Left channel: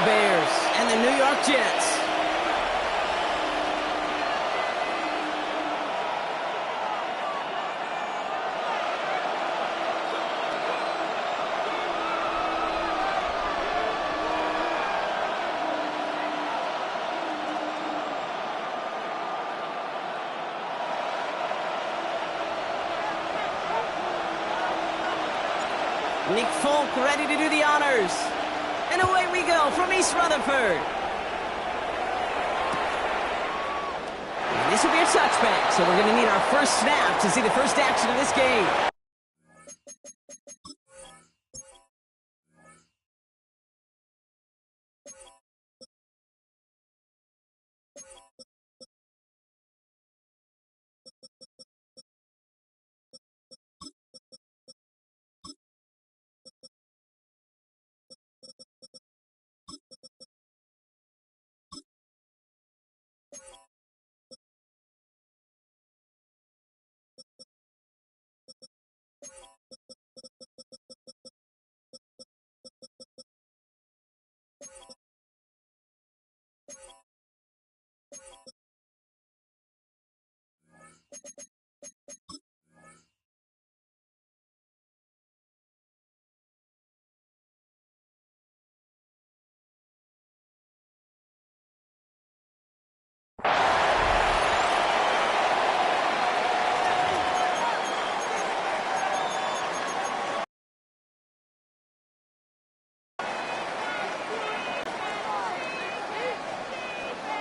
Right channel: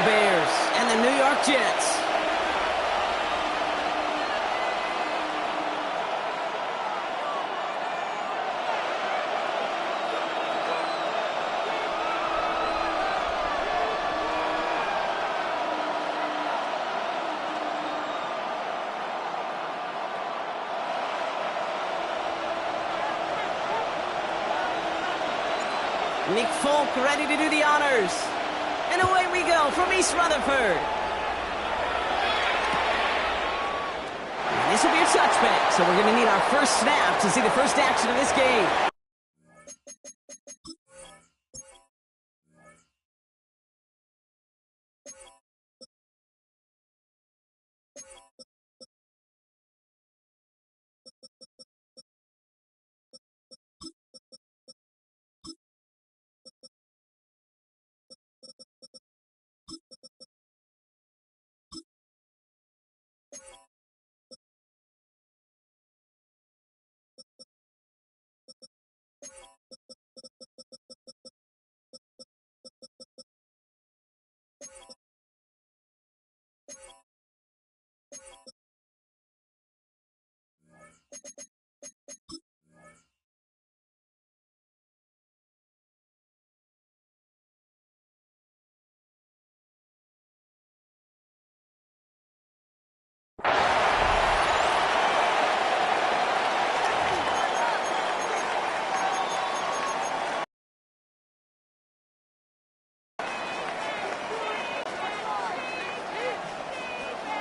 Bears and the New York Jets. Nick Folk ready to do the honors. And away we go from East Rutherford. And this will be a touchback, so we're going to need our first snap to see the first action of this game.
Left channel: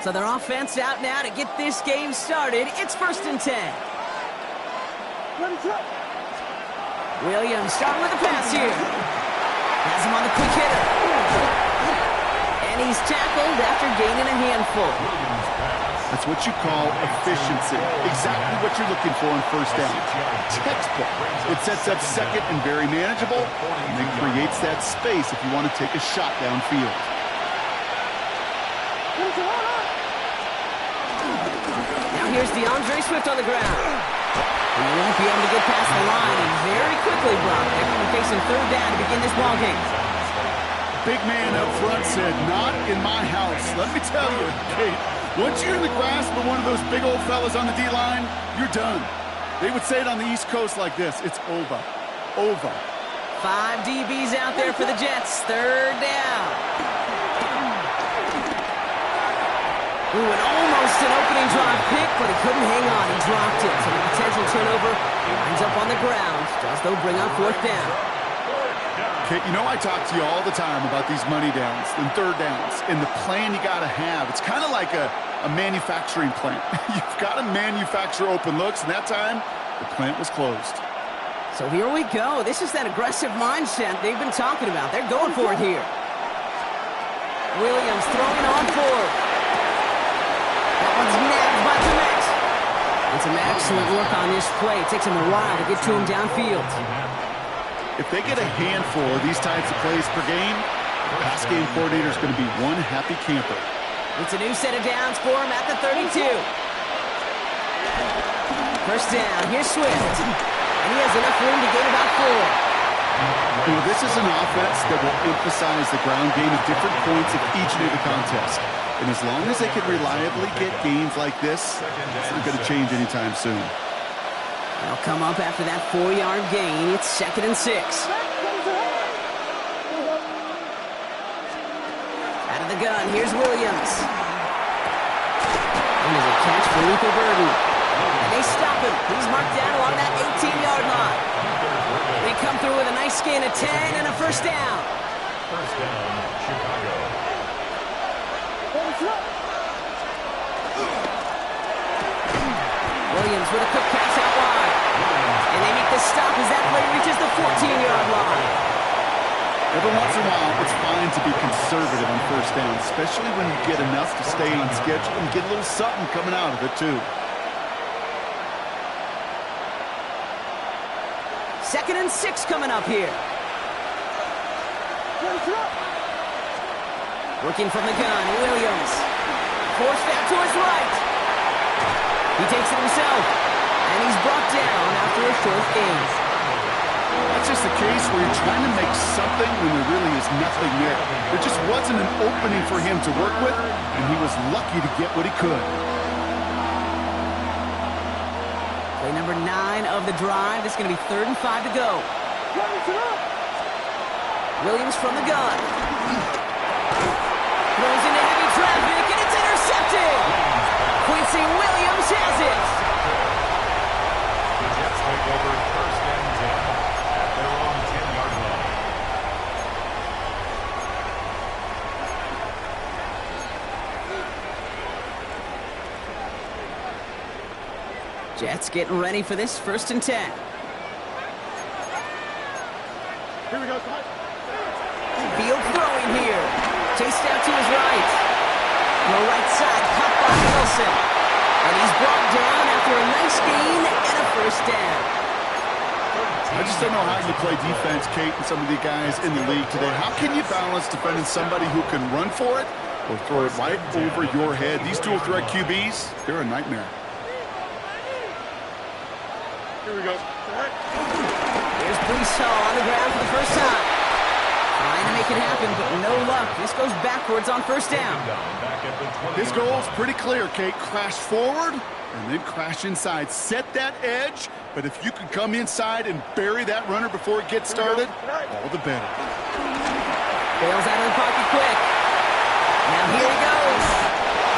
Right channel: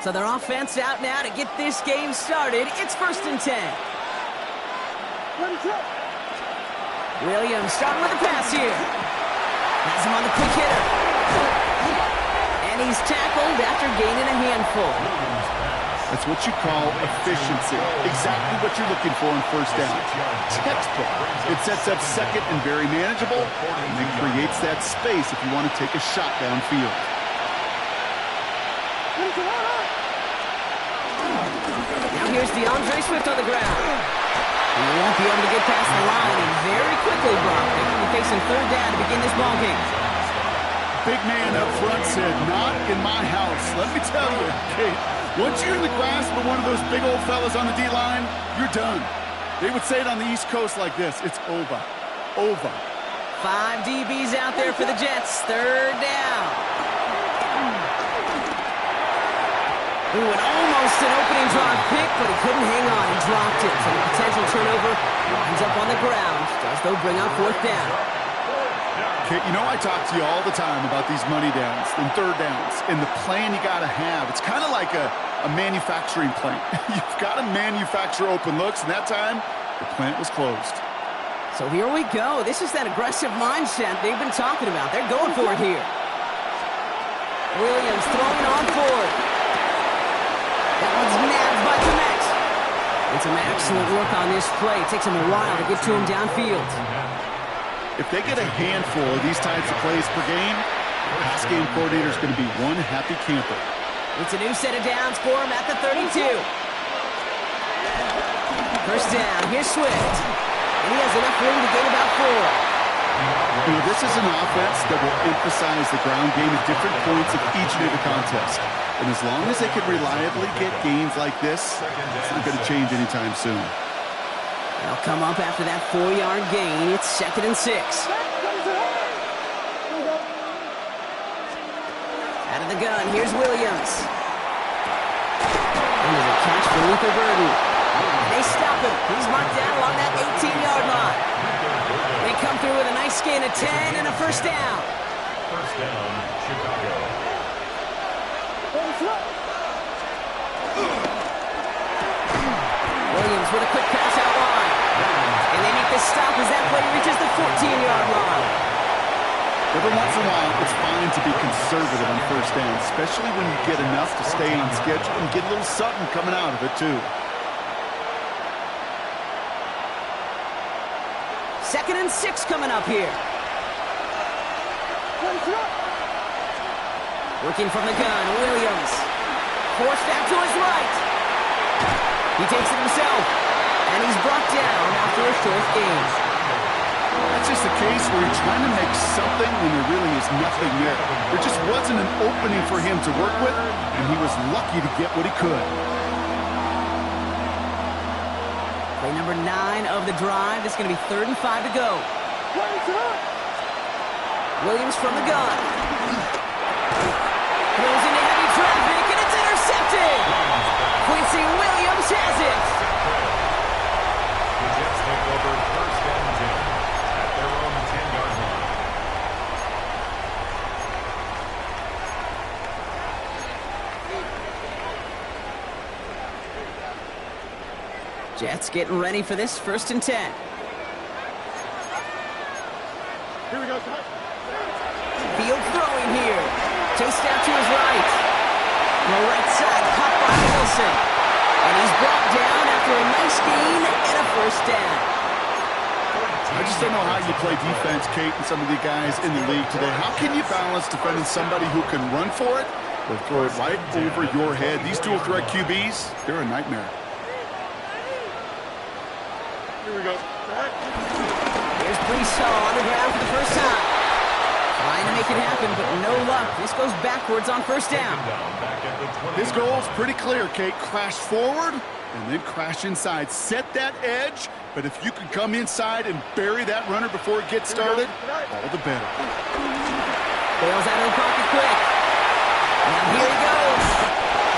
So their offense out now to get this game started. It's 1st and 10. Williams starting with a pass here. Has him on the quick hitter. And he's tackled after gaining a handful. That's what you call efficiency. Exactly what you're looking for on first down. Textbook. It sets up second and very manageable, and then creates that space if you want to take a shot downfield. Now here's DeAndre Swift on the ground. He won't be able to get past the line and very quickly blocked. They're going to be facing 3rd down to begin this ballgame. Big man up front said, "Not in my house." Let me tell you, Kate, once you're in the grasp of one of those big old fellas on the D-line, you're done. They would say it on the East Coast like this: it's over. Over. 5 DBs out there for the Jets. 3rd down. Ooh, and almost an opening drive pick, but he couldn't hang on. He dropped it. So the potential turnover winds up on the ground. Does, though, bring up 4th down. Kate, you know I talk to you all the time about these money downs and 3rd downs and the plan you got to have. It's kind of like a manufacturing plant. You've got to manufacture open looks, and that time, the plant was closed. So here we go. This is that aggressive mindset they've been talking about. They're going for it here. Williams throwing on 4th. That one's nabbed by Komet. And some excellent work on this play. It takes him a while to get to him downfield. If they get a handful of these types of plays per game, the pass game coordinator is going to be one happy camper. It's a new set of downs for him at the 32. 1st down. Here's Swift. And he has enough room to gain about 4. You know, this is an offense that will emphasize the ground game at different points of each and every contest. And as long as they can reliably get gains like this, it's not going to change anytime soon. They'll come up after that 4-yard gain. It's 2nd and 6. Out of the gun, here's Williams. And there's a catch for Luther Burden. And they stop him. He's marked down along that 18-yard line. They come through with a nice gain of 10 and a 1st down. 1st down, Chicago. Williams with a quick pass out wide. And they make the stop as that play reaches the 14-yard line. Every once in a while, it's fine to be conservative on 1st down, especially when you get enough to stay on schedule and get a little something coming out of it, too. 2nd and 6 coming up here. Working from the gun, Williams. Forced out to his right. He takes it himself. And he's brought down after a short gain. That's just a case where you're trying to make something when there really is nothing there. There just wasn't an opening for him to work with, and he was lucky to get what he could. Play number 9 of the drive. It's going to be 3rd and 5 to go. Williams from the gun. Throws into heavy traffic, and it's intercepted. Quincy Williams has it. The Jets take over 1st and 10 at their own 10-yard line. Jets getting ready for this 1st and 10. Here we go. Field throwing here. Chased out to his right. Throw right side, caught by Wilson. And he's brought down after a nice gain and a 1st down. I just don't know how you play defense, Kate, and some of the guys in the league today. How can you balance defending somebody who can run for it or throw it right over your head? These dual threat QBs, they're a nightmare. Here we go. Here's Breeshaw on the ground for the first time. Trying to make it happen, but no luck. This goes backwards on 1st down. His goal's pretty clear, Kate. Crash forward and then crash inside. Set that edge, but if you can come inside and bury that runner before it gets started, all the better. Bails out of the pocket quick. Now here he goes.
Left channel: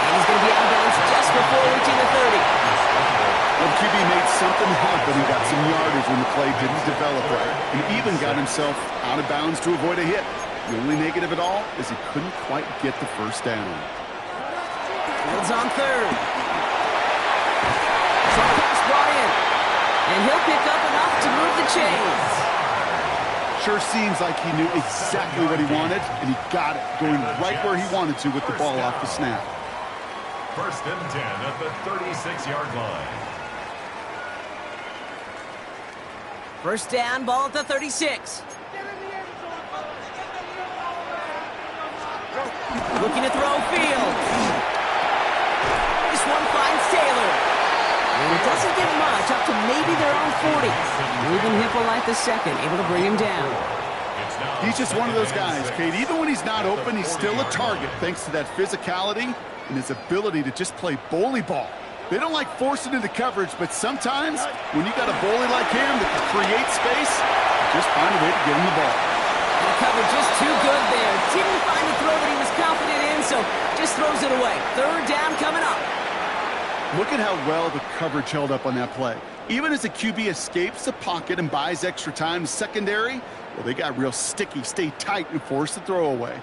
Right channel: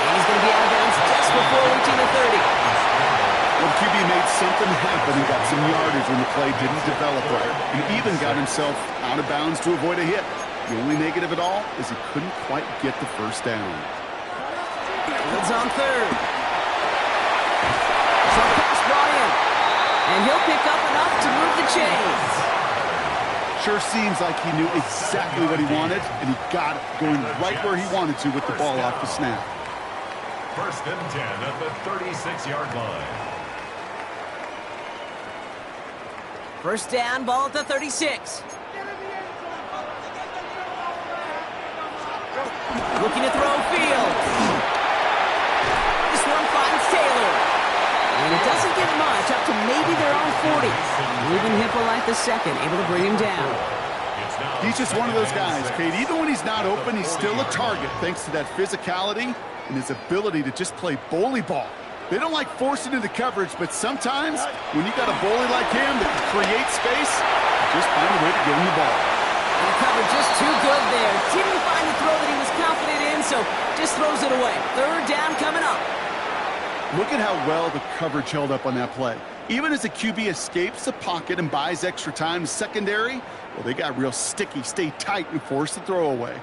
And he's going to be out of bounds just before reaching the 30. Well, QB made something happen and got some yardage when the play didn't develop right, and even got himself out of bounds to avoid a hit. The only negative at all is he couldn't quite get the 1st down. Fields on 3rd. Some pass brought in. And he'll pick up enough to move the chains. Sure seems like he knew exactly what he wanted, and he got it, going right where he wanted to with the ball off the snap. 1st and 10 at the 36-yard line. 1st down, ball at the 36. Looking to throw Fields. This one finds Taylor. And it doesn't get much, up to maybe their own 40. Ruben Hippolyte II able to bring him down. He's just one of those guys, Kate. Even when he's not open, he's still a target thanks to that physicality and his ability to just play bully ball. They don't like forcing into coverage, but sometimes when you got a bully like him that can create space, you just find a way to get him the ball. And the coverage just too good there. Didn't find the throw that he was confident in, so just throws it away. 3rd down coming up. Look at how well the coverage held up on that play. Even as the QB escapes the pocket and buys extra time in secondary, well, they got real sticky, stay tight, and force the throw away.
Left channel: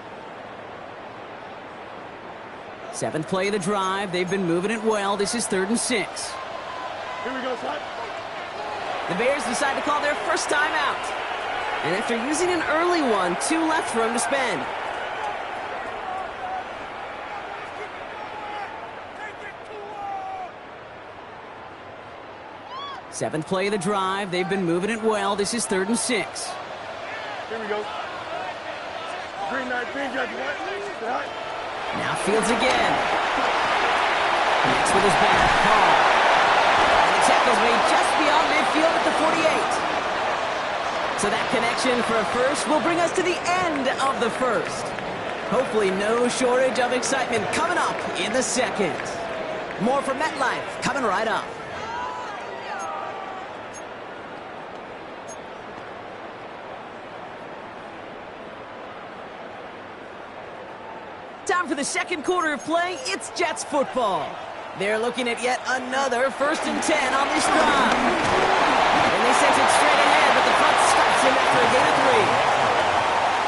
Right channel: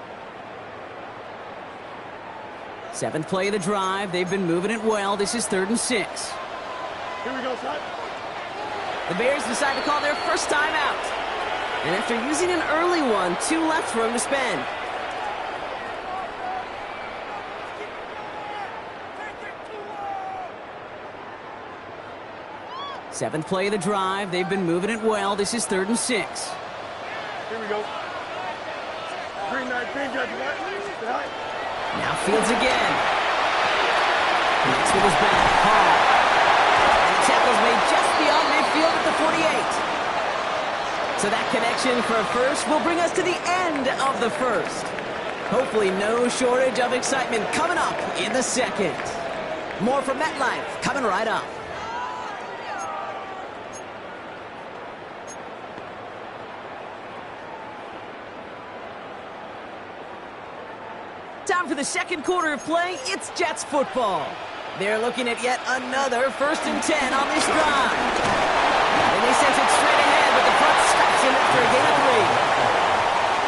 7th play of the drive. They've been moving it well. This is 3rd and 6. Here we go, son. The Bears decide to call their 1st time out. And after using an early one, 2 left for him to spend. Seventh play of the drive. They've been moving it well. This is 3rd and 6. Here we go. Green light, green judge, right? Now Fields again. Connects with his back. Hall. And the tackle's made just beyond midfield at the 48. So that connection for a first will bring us to the end of the 1st. Hopefully no shortage of excitement coming up in the 2nd. More from MetLife coming right up. Time for the 2nd quarter of play. It's Jets football. They're looking at yet another 1st and 10 on this drive. And they sense it straight ahead, but the front stops him after a gain of 3.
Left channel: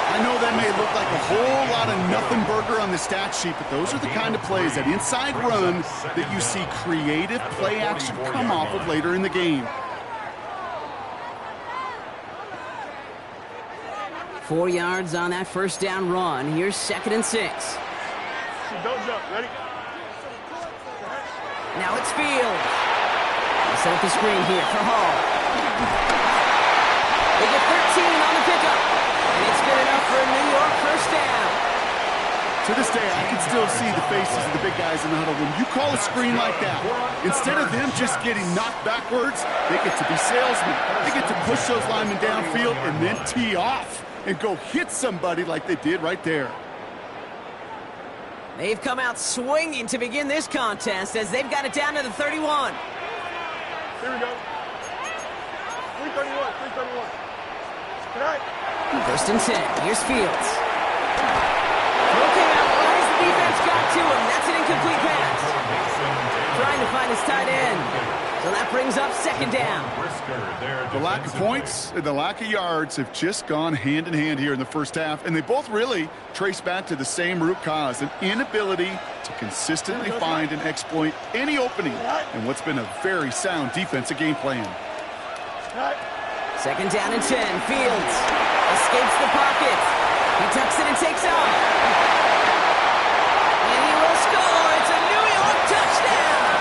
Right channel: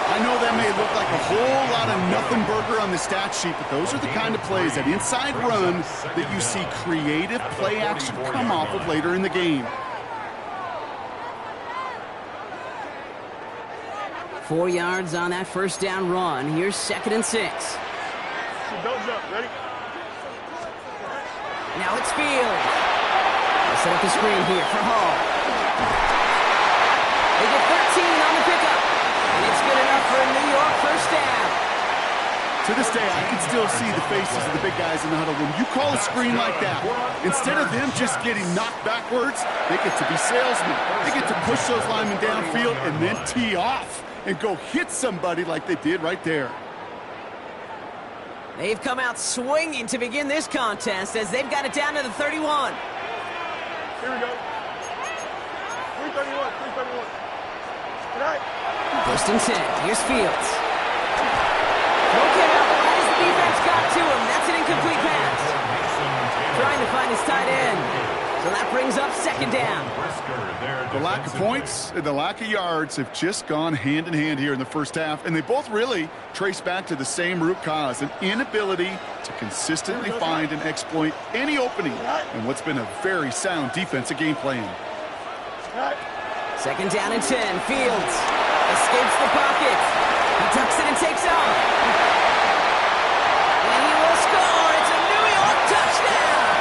I know that may look like a whole lot of nothing burger on the stat sheet, but those are the kind of plays, that inside run, that you see creative play action come off of later in the game. 4 yards on that 1st down run. Here's 2nd and 6. Don't jump. Ready? Now it's Fields. They set up the screen here for Hall. They get 13 on the pickup. And it's good enough for a New York 1st down. To this day, I can still see the faces of the big guys in the huddle. When you call a screen like that, instead of them just getting knocked backwards, they get to be salesmen. They get to push those linemen downfield and then tee off and go hit somebody like they did right there. They've come out swinging to begin this contest as they've got it down to the 31. Here we go. 331, 331. Good night. First and 10. Here's Fields. Throw came out right as the defense got to him. That's an incomplete pass. Trying to find his tight end. So that brings up second down. The lack of points and the lack of yards have just gone hand in hand here in the first half, and they both really trace back to the same root cause, an inability to consistently find and exploit any opening in what's been a very sound defensive game plan. Second down and 10. Fields escapes the pocket. He tucks it and takes off. And he will score. It's a New York touchdown.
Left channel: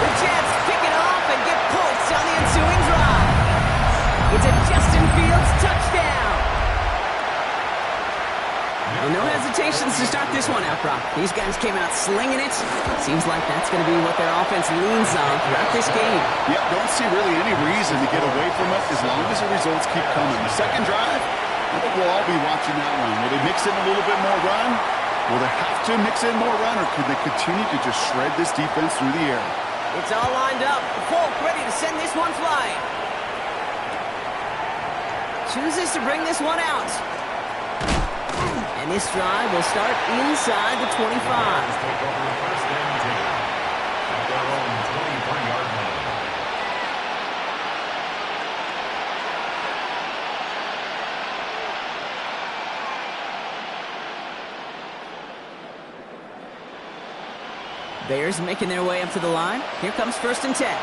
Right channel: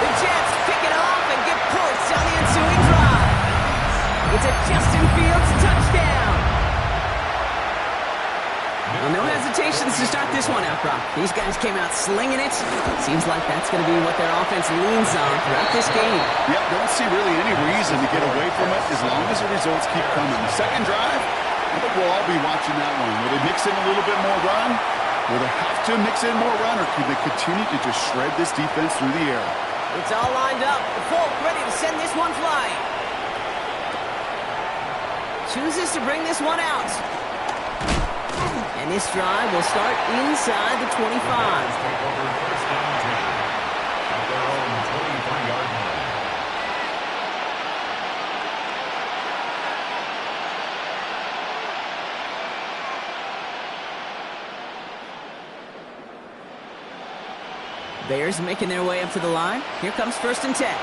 The Jets pick it off and get points on the ensuing drive. It's a Justin Fields touchdown. Well, no hesitations to start this one out, Brock. These guys came out slinging it. Seems like that's going to be what their offense leans on throughout this game. Yep, don't see really any reason to get away from it as long as the results keep coming. The second drive, I think we'll all be watching that one. Will they mix in a little bit more run? Will they have to mix in more run, or can they continue to just shred this defense through the air? It's all lined up. Folk ready to send this one flying. Chooses to bring this one out. And this drive will start inside the 25. Take over first and 10 at their own 23-yard line. Bears making their way up to the line. Here comes first and 10.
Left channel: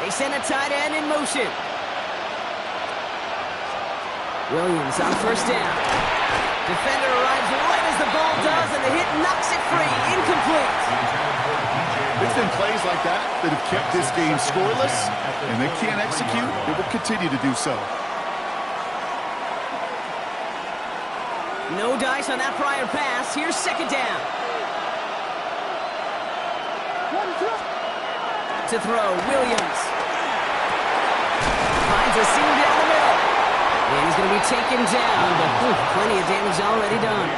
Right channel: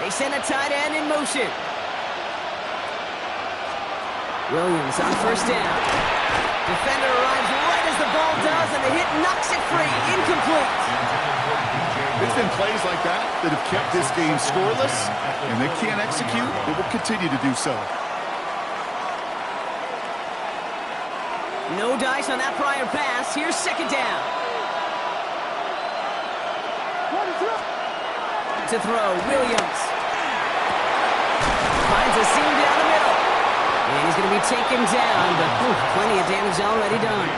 They send a tight end in motion. Williams on first down. Defender arrives right as the ball does, and the hit knocks it free. Incomplete. It's been plays like that that have kept this game scoreless, and they can't execute. They will continue to do so. No dice on that prior pass. Here's second down. To throw, Williams. Finds a seam down the middle. And he's going to be taken down, but plenty of damage already done.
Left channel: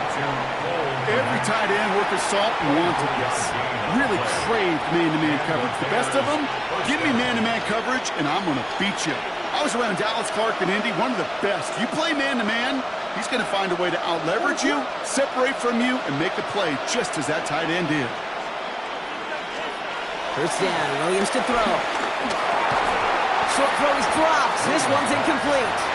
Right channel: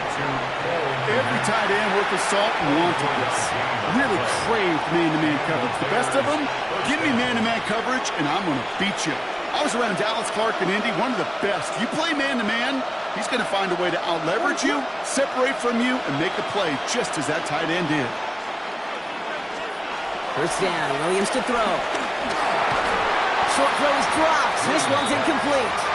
Every tight end worth his salt wanted this. Really craved man-to-man coverage. The best of them, give me man-to-man coverage, and I'm going to beat you. I was around Dallas Clark and Indy, one of the best. You play man-to-man, he's going to find a way to out-leverage you, separate from you, and make a play just as that tight end did. First down, Williams to throw. Short throw is dropped. This one's incomplete.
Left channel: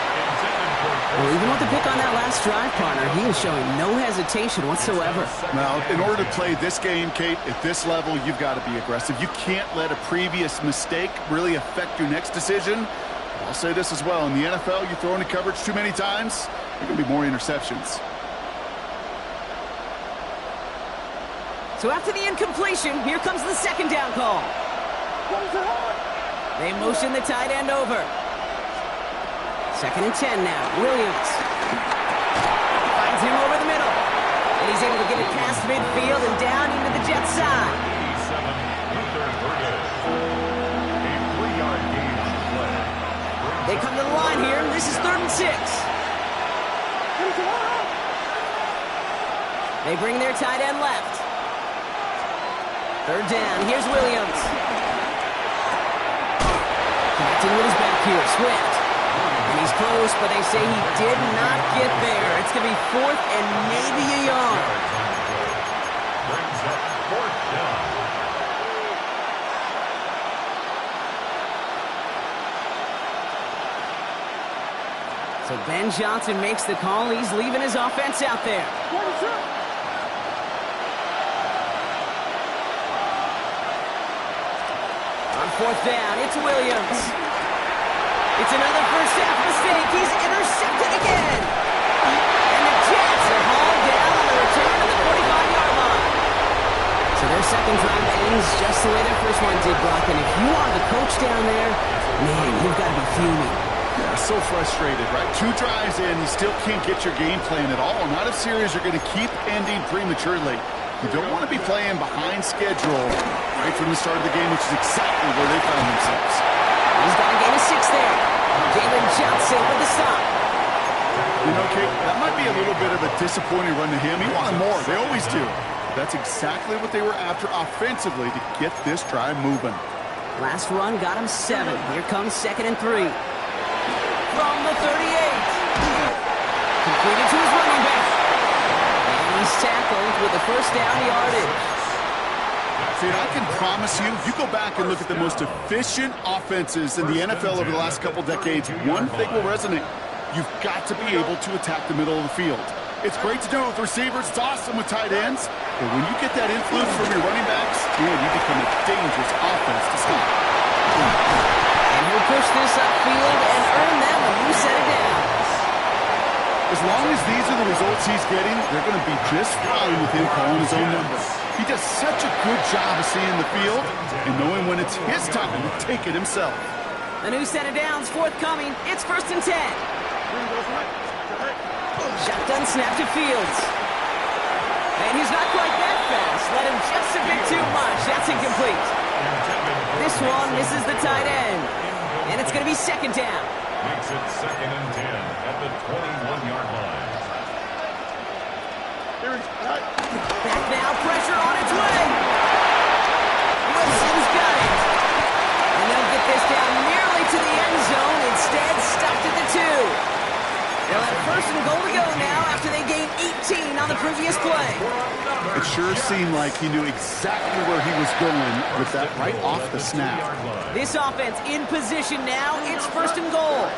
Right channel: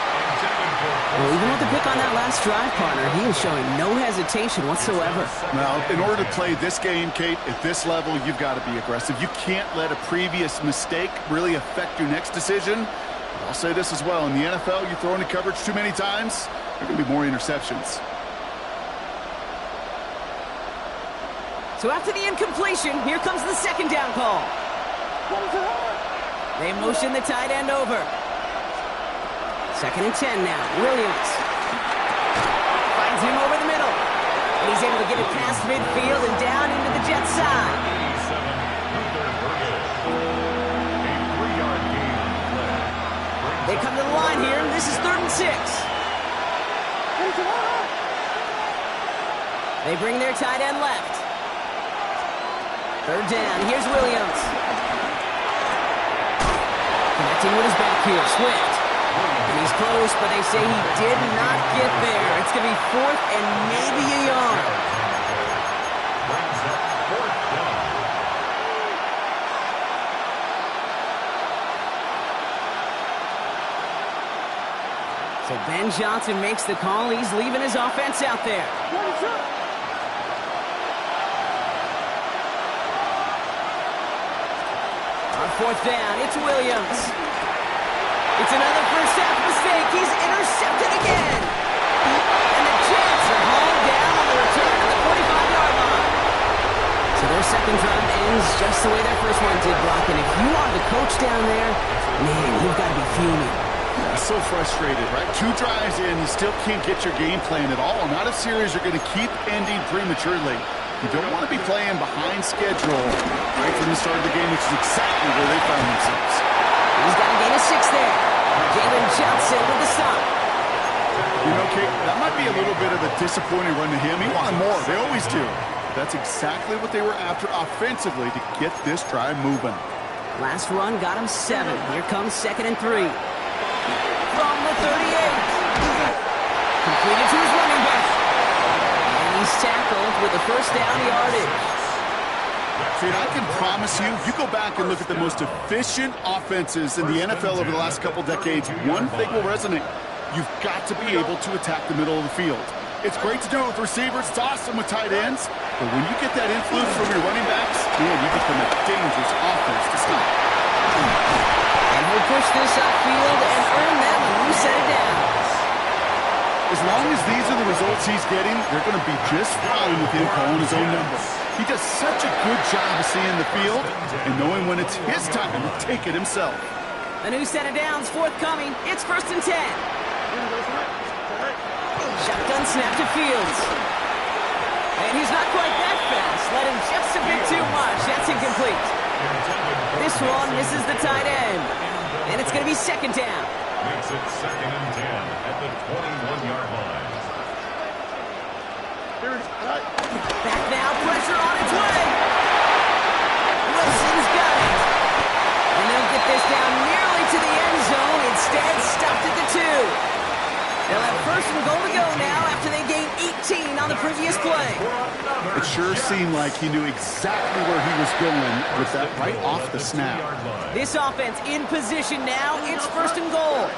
Well, even with the pick on that last drive, partner, he is showing no hesitation whatsoever. Now, in order to play this game, Kate, at this level, you've got to be aggressive. You can't let a previous mistake really affect your next decision. But I'll say this as well. In the NFL, you throw into coverage too many times, there are going to be more interceptions. So after the incompletion, here comes the second down call. They motion the tight end over. Second and 10 now. Williams finds him over the middle. And he's able to get it past midfield and down into the Jets side. 87, Luther Burgess. A 3-yard gain on the play. They come to the line here. This is 3rd and 6. They bring their tight end left. 3rd down. Here's Williams. Connecting with his back here. Swift. And he's close, but they say he did not get there. It's going to be 4th and maybe a yard. Brings up 4th down. So Ben Johnson makes the call. He's leaving his offense out there. On 4th down, it's Williams. It's another first half mistake. He's intercepted again. And the Jets are hauled down on the return to the 45-yard line. So their second drive ends just the way their first one did, Brock. And if you are the coach down there, man, you've got to be fuming. So frustrated, right? 2 drives in, you still can't get your game plan at all. Not a series you're going to keep ending prematurely. You don't want to be playing behind schedule right from the start of the game, which is exactly where they found themselves. He's got a gain of 6 there. Jalen Johnson with the stop. You know, Kate, that might be a little bit of a disappointing run to him. He wanted more. They always do. That's exactly what they were after offensively to get this drive moving. Last run got him 7. Here comes 2nd and 3. From the 38. Completed to his running back. And he's tackled with the first down yardage. Dude, I can promise you, if you go back and look at the most efficient offenses in the NFL over the last couple decades, one thing will resonate. You've got to be able to attack the middle of the field. It's great to do it with receivers. It's awesome with tight ends. But when you get that influence from your running backs, man, you become a dangerous offense to stop. And he'll push this upfield and earn them a new set of downs. As long as these are the results he's getting, they're going to be just fine with him calling his own number. He does such a good job of seeing the field and knowing when it's his time to take it himself. A new set of downs forthcoming. It's 1st and 10. Shotgun snap to Fields. And he's not quite that fast. Let him just a bit too much. That's incomplete. This one misses the tight end. And it's going to be 2nd down. Makes it 2nd and 10 at the 21-yard line. Back now, pressure on its way. Wilson's got it. And they'll get this down nearly to the end zone. Instead, stopped at the 2. They'll have 1st and goal to go now after they gained 18 on the previous play. It sure seemed like he knew exactly where he was going with that right off the snap. This offense in position now. It's 1st and goal.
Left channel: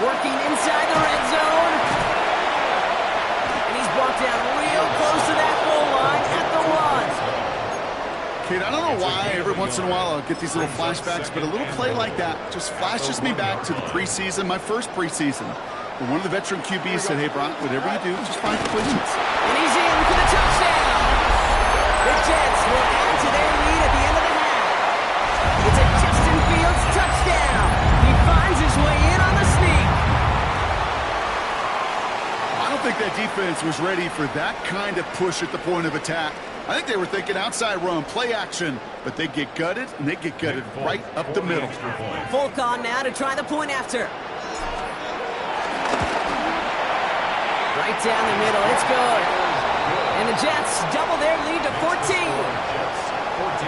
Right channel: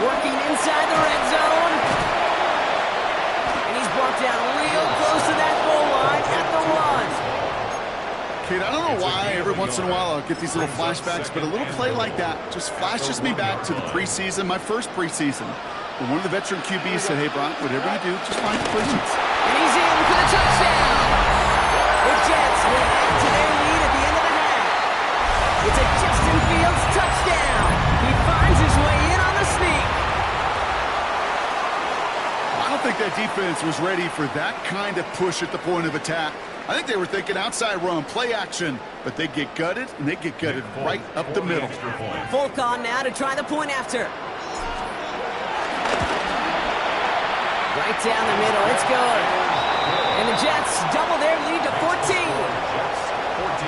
Working inside the red zone. And he's brought down real close to that goal line at the 1. Kate, I don't know why every once in a while I'll get these little flashbacks, but a little play like that just flashes me back to the preseason, my first preseason. When one of the veteran QBs said, hey, Brock, whatever you do, just find completions. And he's in for the touchdown. The Jets will add to their lead at the end of the half. It's a Justin Fields touchdown. He finds his way in on the sneak. I don't think that defense was ready for that kind of push at the point of attack. I think they were thinking outside run, play action, but they get gutted, and they get gutted right up the middle. Fulcon now to try the point after. Right down the middle, it's good. And the Jets double their lead to 14. Jets 14.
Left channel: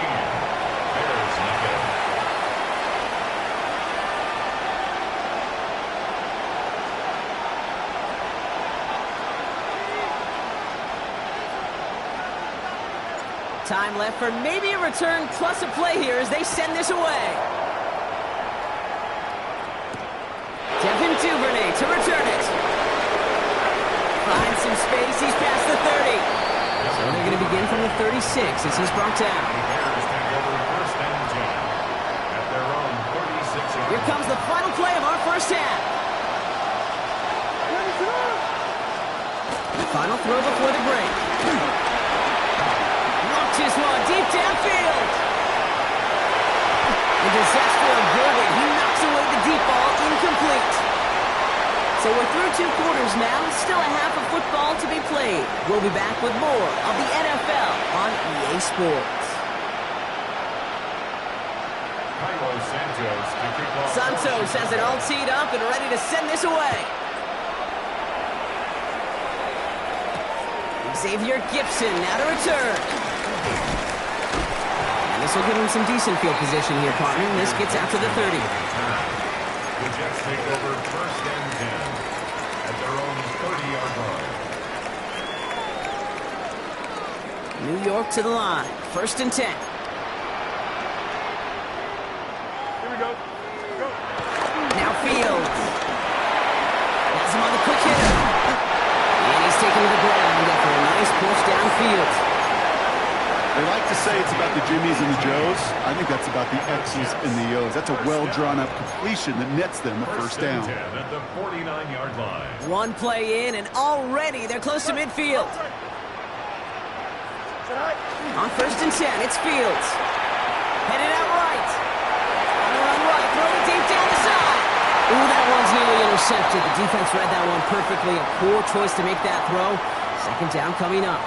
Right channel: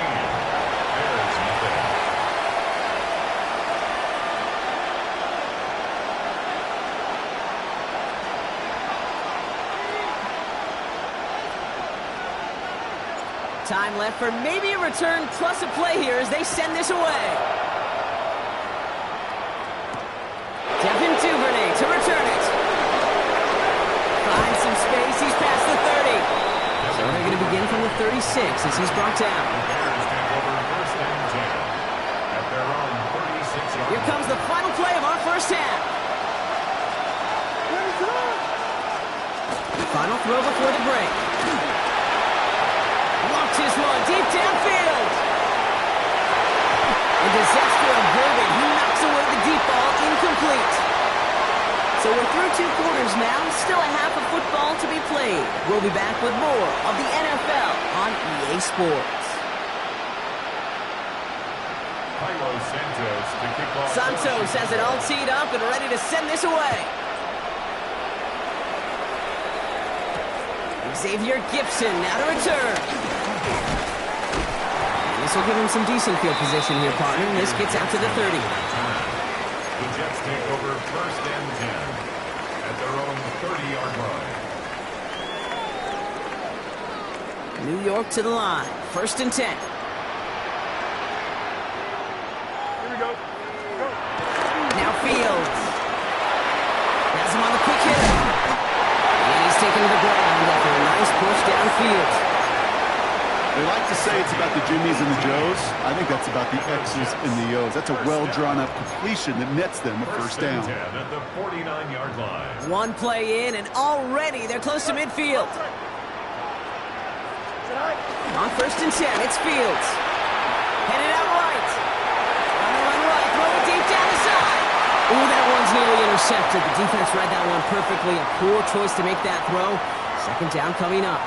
Bears nothing. Time left for maybe a return plus a play here as they send this away. Devin Duvernay to return it. Finds some space. He's past the 30. So they're going to begin from the 36 as he's brought down. The Bears take over 1st and 10 at their own 36-yard. Here comes the final play of our first half. Final throw before the break. Launches one deep downfield. And disaster averted. He knocks away the deep ball, incomplete. So we're through 2 quarters now. Still a half of football to be played. We'll be back with more of the NFL on EA Sports. Cairo Santos to kick off. Santos has it all teed up and ready to send this away. Xavier Gibson now to return. And this will give him some decent field position here, partner. This gets out to the 30. The Jets take over 1st and 10 at their own 30-yard line. New York to the line. 1st and 10. Here we go. Go. Now Fields. Has him on the quick hitter. And he's taken to the ground after a nice push downfield. They like to say it's about the Jimmies and the Joes. I think that's about the X's and the O's. That's a well-drawn-up completion that nets them a 1st down. 10 at the 49-yard line. One play in, and already they're close to midfield. On 1st and 10, it's Fields. Headed out right. On the run right, throw it deep down the side. Ooh, that one's nearly intercepted. The defense read that one perfectly. A poor choice to make that throw. Second down coming up.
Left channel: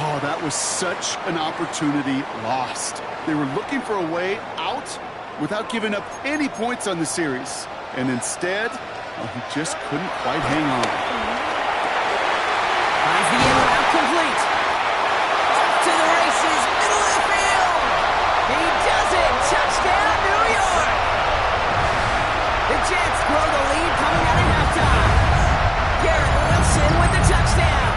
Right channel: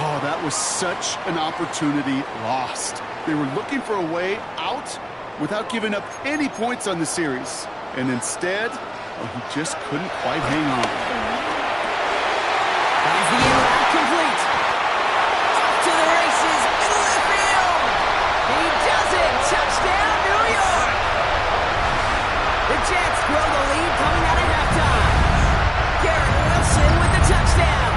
Oh, that was such an opportunity lost. They were looking for a way out without giving up any points on the series. And instead, well, he just couldn't quite hang on. Finds the in route complete. Off to the races, middle of the field. He does it. Touchdown, New York. The Jets grow the lead coming out of halftime. Garrett Wilson with the touchdown.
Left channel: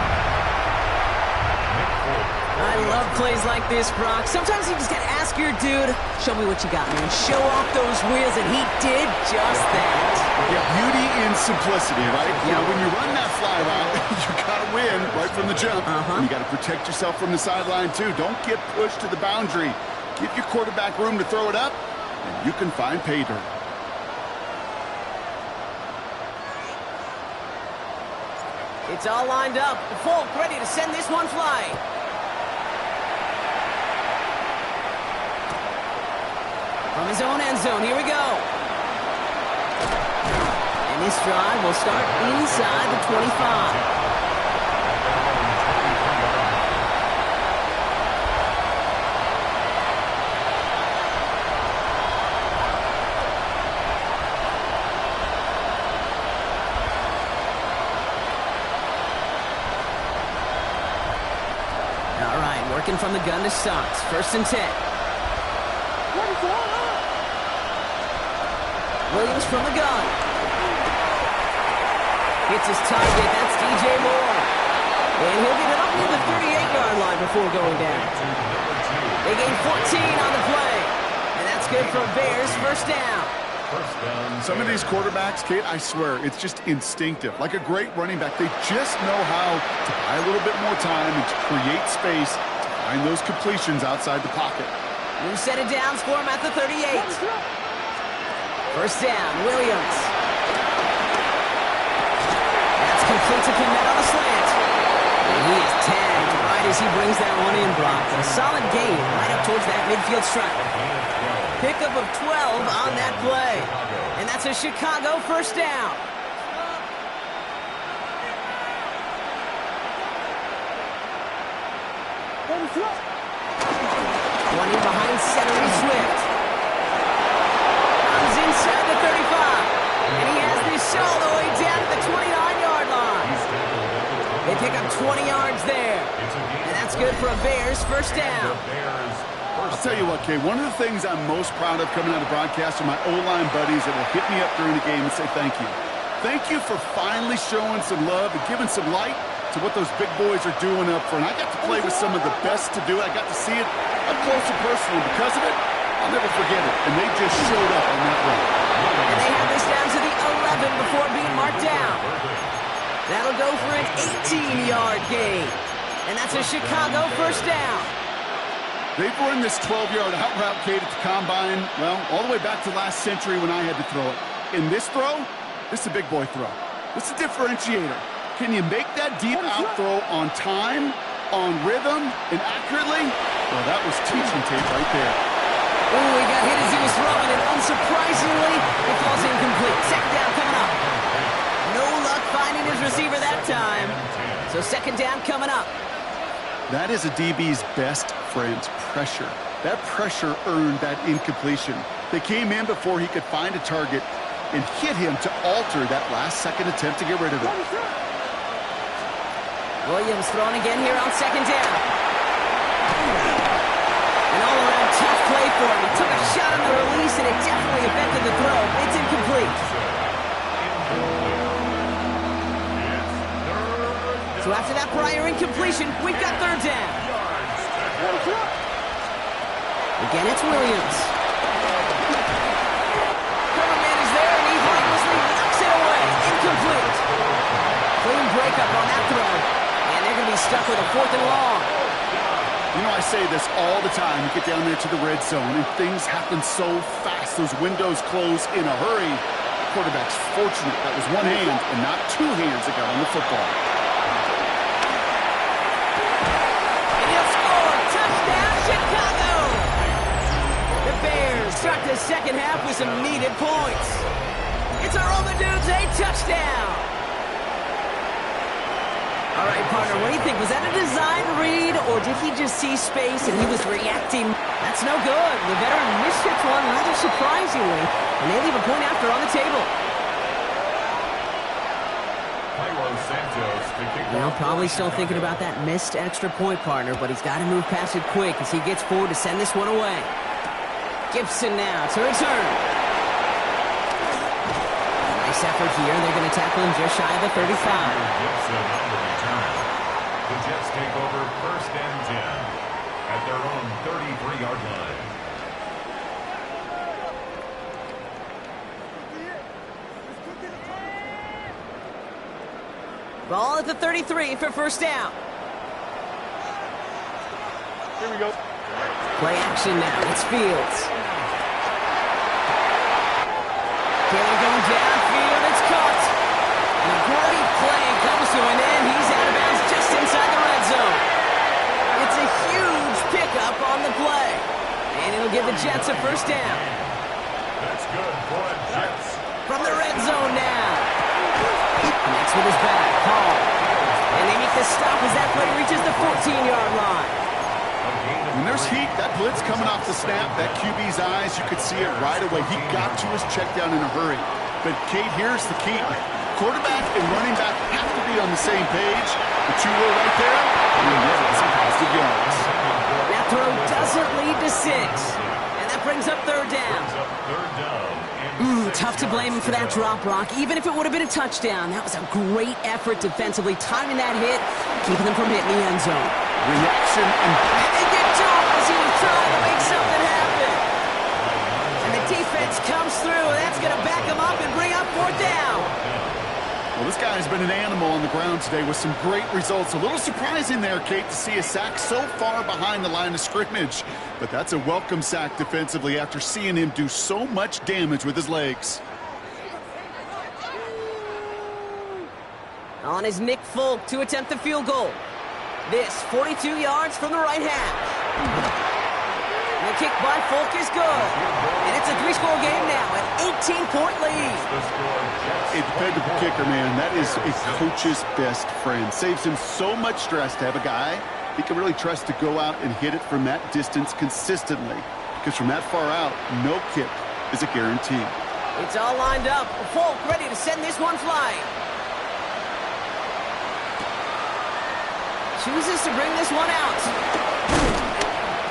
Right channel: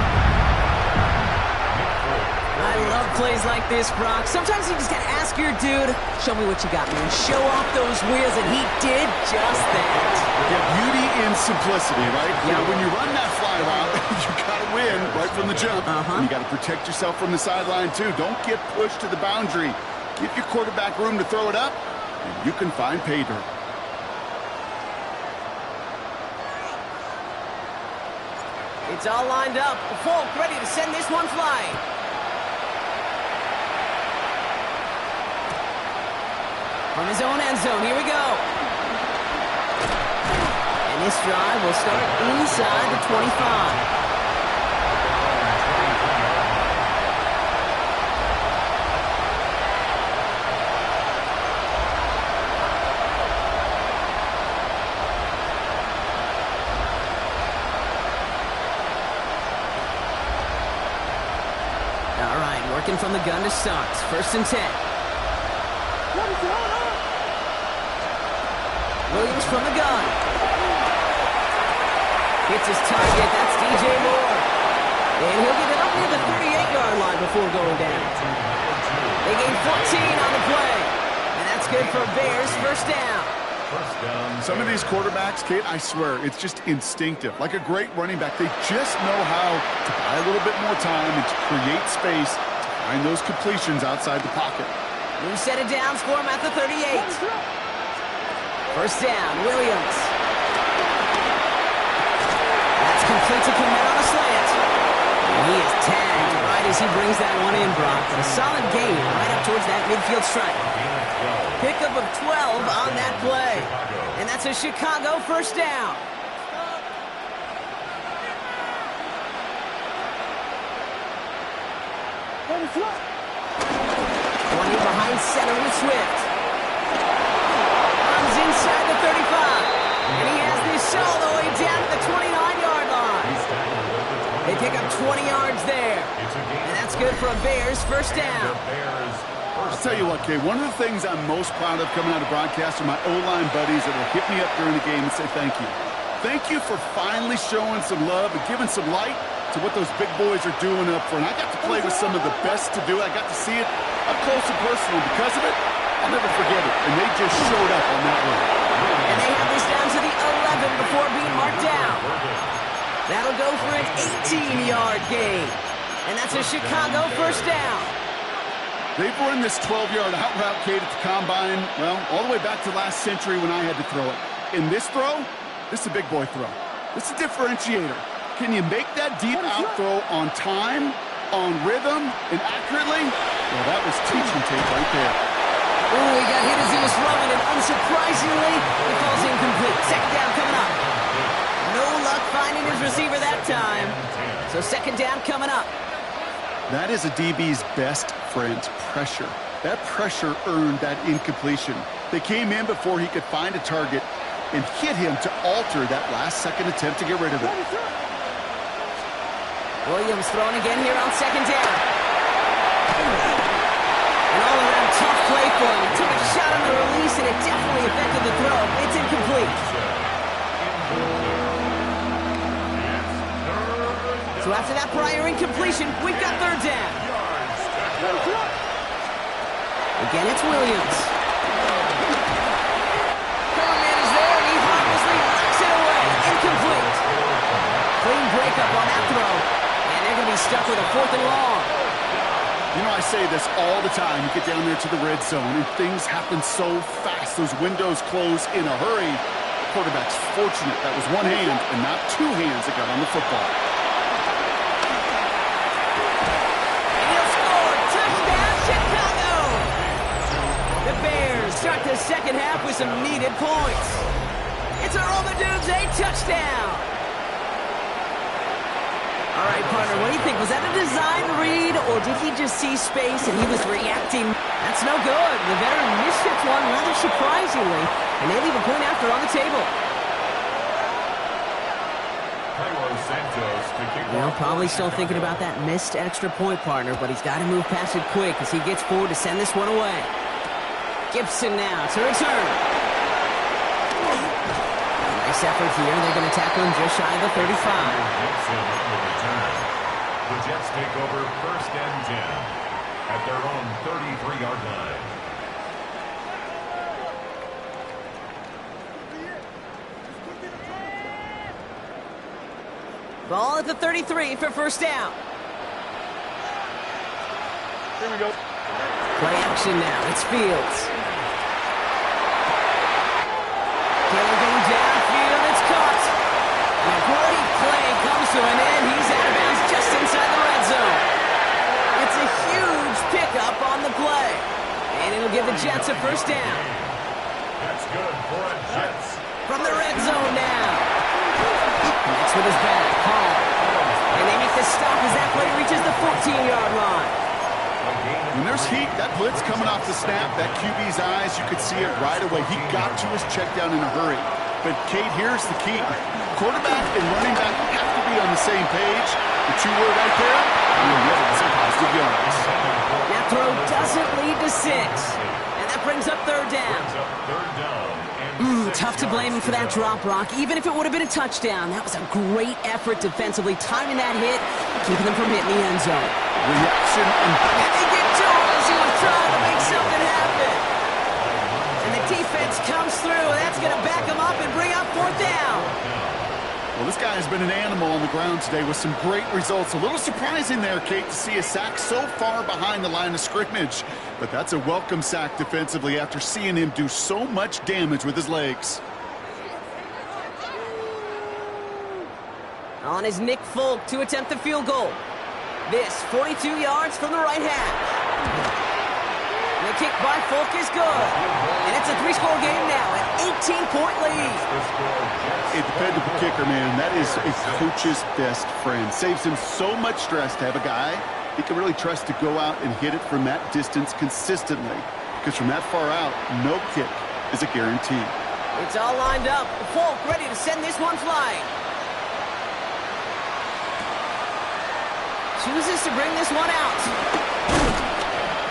I love plays like this, Brock. Sometimes you just got to ask your dude, show me what you got, man. Show off those wheels, and he did just that. Yeah, beauty in simplicity, right? Yep. You know, when you run that fly route, you got to win right from the jump. And you got to protect yourself from the sideline, too. Don't get pushed to the boundary. Give your quarterback room to throw it up, and you can find pay dirt. It's all lined up. Folk ready to send this one flying. From his own end zone, here we go. And this drive will start inside the 25. All right, working from the gun to start. First and 10. Williams from the gun. Hits his target. That's DJ Moore. And he'll get it up near the 38-yard line before going down. They gain 14 on the play. And that's good for Bears. First down. Some of these quarterbacks, Kate, I swear, it's just instinctive. Like a great running back, they just know how to buy a little bit more time and to create space to find those completions outside the pocket. New set of downs for him at the 38. First down, Williams. That's complete to Kmet on a slant. And he is tagged right as he brings that one in, Brock. But a solid gain right up towards that midfield stripe. Pickup of 12 on that play. And that's a Chicago first down. One in behind center is Swift. Runs inside the 35. And he has this all the way down to the 29-yard line. They pick up 20 yards there. And that's good for a Bears first down. I'll tell you what, Kay, one of the things I'm most proud of coming out of broadcast are my O-line buddies that will hit me up during the game and say thank you. Thank you for finally showing some love and giving some light to what those big boys are doing up front. I got to play with some of the best to do it. I got to see it up close and personal. Because of it, I'll never forget it. And they just showed up on that run. And they have this down to the 11 before being marked down. That'll go for an 18-yard gain. And that's a Chicago first down. They've run this 12-yard out route, Kate, at the combine, well, all the way back to last century when I had to throw it. In this throw, this is a big boy throw. This is a differentiator. Can you make that deep out throw on time, on rhythm, and accurately? Well, that was teaching tape right there. Ooh, he got hit as he was throwing, and unsurprisingly, it falls incomplete. Second down coming up. No luck finding his receiver that time. So second down coming up. That is a DB's best friend, pressure. That pressure earned that incompletion. They came in before he could find a target and hit him to alter that last-second attempt to get rid of it. Williams throwing again here on second down. An all-around tough play for him. He took a shot on the release, and it definitely affected the throw. It's incomplete. So after that prior incompletion, we've got third down. Again, it's Williams. Cover man is there, and he harmlessly knocks it away. Incomplete. Clean breakup on that throw. And they're going to be stuck with a fourth and long. You know, I say this all the time. You get down there to the red zone, and things happen so fast. Those windows close in a hurry. The quarterback's fortunate that was one hand and not two hands that got on the football. Touchdown, Chicago! The Bears start the second half with some needed points. It's a Romadunze touchdown. All right, partner, what do you think? Was that a design read, or did he just see space and he was reacting? That's no good. The veteran miships one rather surprisingly, and they leave a point after on the table. Well, probably still thinking about that missed extra point, partner, but he's got to move past it quick as he gets forward to send this one away. Gibson now to return. Nice effort here. They're going to tackle him just shy of the 35. Gibson on the return. The Jets take over 1st and 10 at their own 33-yard line. Ball at the 33 for first down. Here we go. Play action now. It's Fields. Taylor going downfield. It's caught. And a great play comes to an end. He's out of bounds just inside the red zone. It's a huge pickup on the play. And it'll give the Jets a first down. That's good for the Jets. From the red zone now. Next with his back, Hall. And they make the stop as that play reaches the 14-yard line. When there's heat, that blitz coming off the snap, that QB's eyes, you could see it right away. He got to his check down in a hurry. But, Kate, here's the key. Quarterback and running back have to be on the same page. The two were right there, and you'll get it some positive yards. That throw doesn't lead to 6. And that brings up third down. Tough to blame him for that drop, Brock. Even if it would have been a touchdown, that was a great effort defensively, timing that hit, keeping them from hitting the end zone. Reaction and they get to him as he was trying to make something happen. And the defense comes through. That's going to back him up and bring up fourth down. Well, this guy has been an animal on the ground today with some great results. A little surprising there, Kate, to see a sack so far behind the line of scrimmage. But that's a welcome sack defensively after seeing him do so much damage with his legs. On is Nick Folk to attempt the field goal. This 42 yards from the right hash. And the kick by Folk is good. And it's a 3-score game now, an 18-point lead. A dependable kicker, man. That is a coach's best friend. Saves him so much stress to have a guy he can really trust to go out and hit it from that distance consistently. Because from that far out, no kick is a guarantee. It's all lined up. Folk ready to send this one flying. Chooses to bring this one out.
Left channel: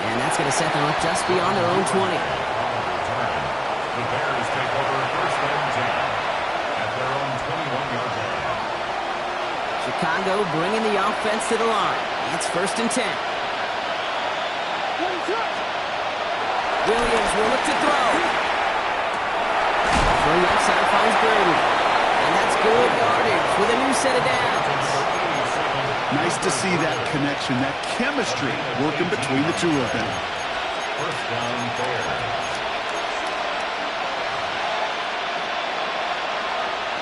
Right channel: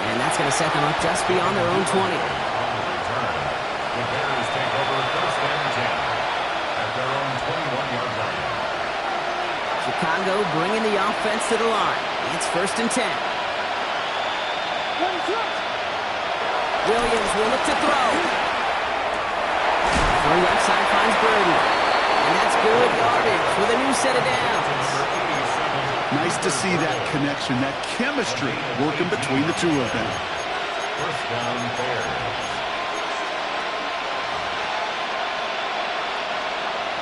And that's going to set them up just beyond their own 20. On the return, the Bears take over 1st and 10 at their own 21-yard line. Chicago bringing the offense to the line. It's 1st and 10. Williams will look to throw. Throw left side finds Burden. And that's good yardage with a new set of downs. Nice to see that connection, that chemistry working between the two of them. First down, Bears.